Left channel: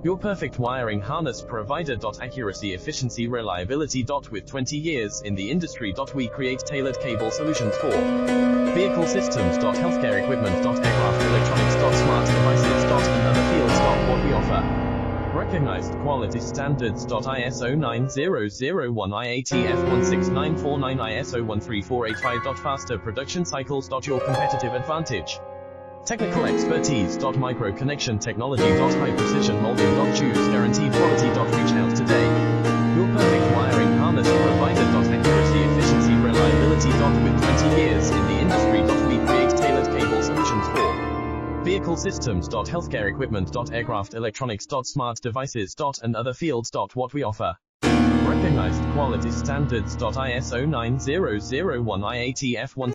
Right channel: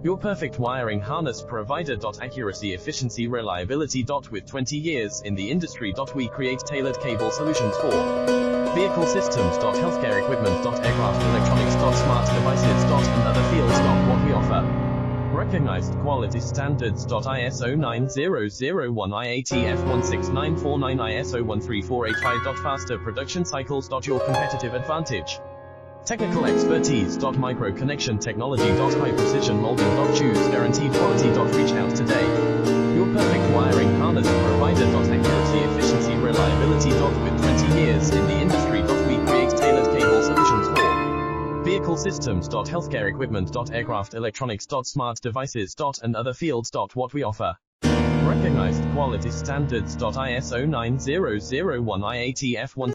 Your perfect wiring harness provider. Accuracy, efficiency, reliability. With 20 years in the industry. We create tailored cable solutions for vehicle systems. Healthcare equipment. Aircraft electronics. Smart devices. And other fields. What we offer. Recognized quality standards. ISO 9001 IATF 16949 ISO 13485. Faster production cycles. Your competitive advantage. Technical expertise. Micro connection technology. High precision molding. Choose guaranteed quality. Reach out today. Your perfect wiring harness provider. Accuracy, efficiency, reliability. With 20 years in the industry. We create tailored cable solutions for vehicle systems. Healthcare equipment. Aircraft electronics. Smart devices. And other fields. What we offer. Recognized quality standards. ISO 9001 IATF 1